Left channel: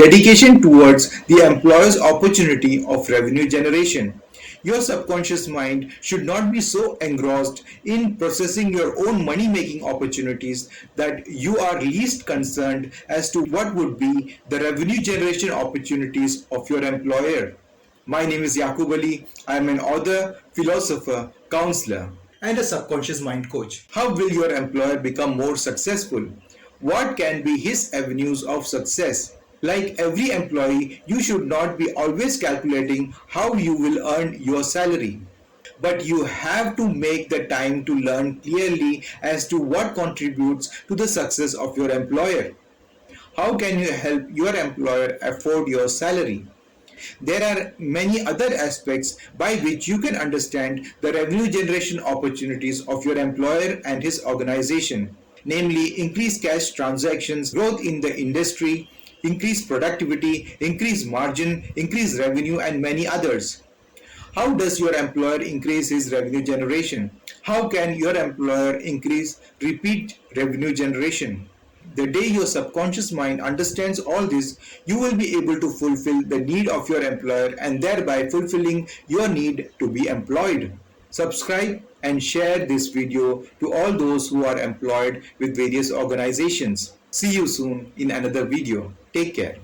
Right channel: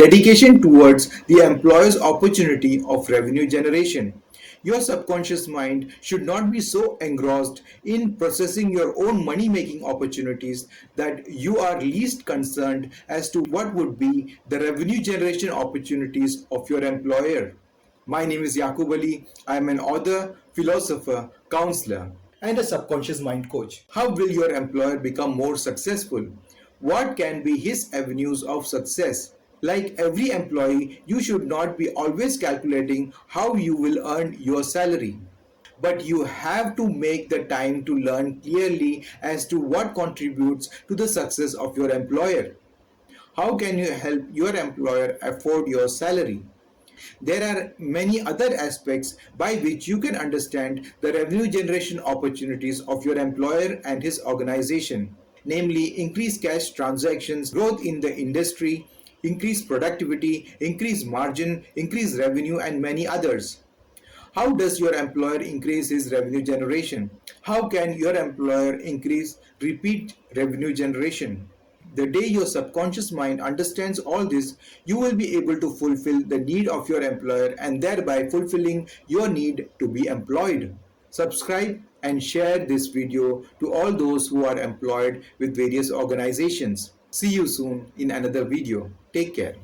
Dedication towards the employer's opportunity of revenue generation. Your subconscious mind should not be so engrossed in processing your own money making opportunities that you are least concerned as to what would be the revenue generation opportunities of your employer. My name is Yaqub Ali. I am an author, philosopher, counselor, and a subconscious mind coach. How will your employer become more successful? What can be his avenues of success? Like every employee, you should not be always calculating how you will earn your salary. But you have to make the time to learn clearly as to what contributes to the success of your employer. How can you help your employer afford your salary? There are many other aspects by which you can understand the revenue generation opportunities of your employer and his organization, namely increased cash transactions, growth in the industry, increased productivity, increased margin, increased revenue, and many others. How does your employer increase his revenue generation? How can your employer increase repeat revenue generation? The day your subconscious mind understands all this, you will be able to fulfill the need of your employer and thereby fulfilling your need to be employed. Subscribe and share this video to all those who are employed with various organizations. See you soon in another video. Take care.